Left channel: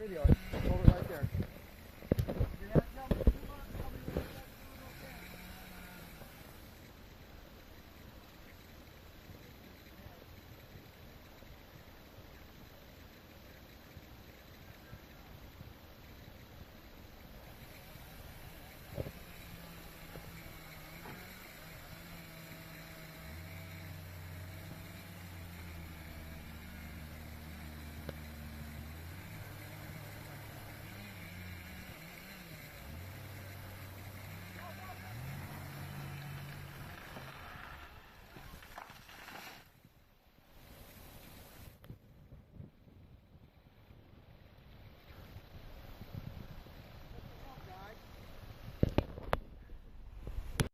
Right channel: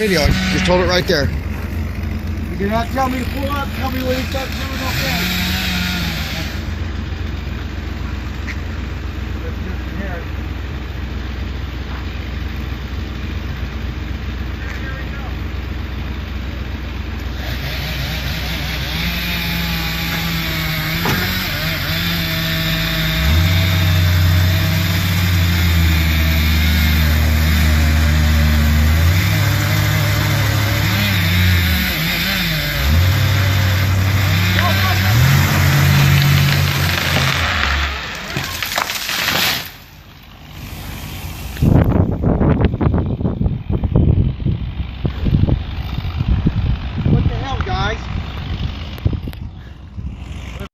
video. Just hold it right there. You do not tell me to pull up. Tell me when you start coming off that.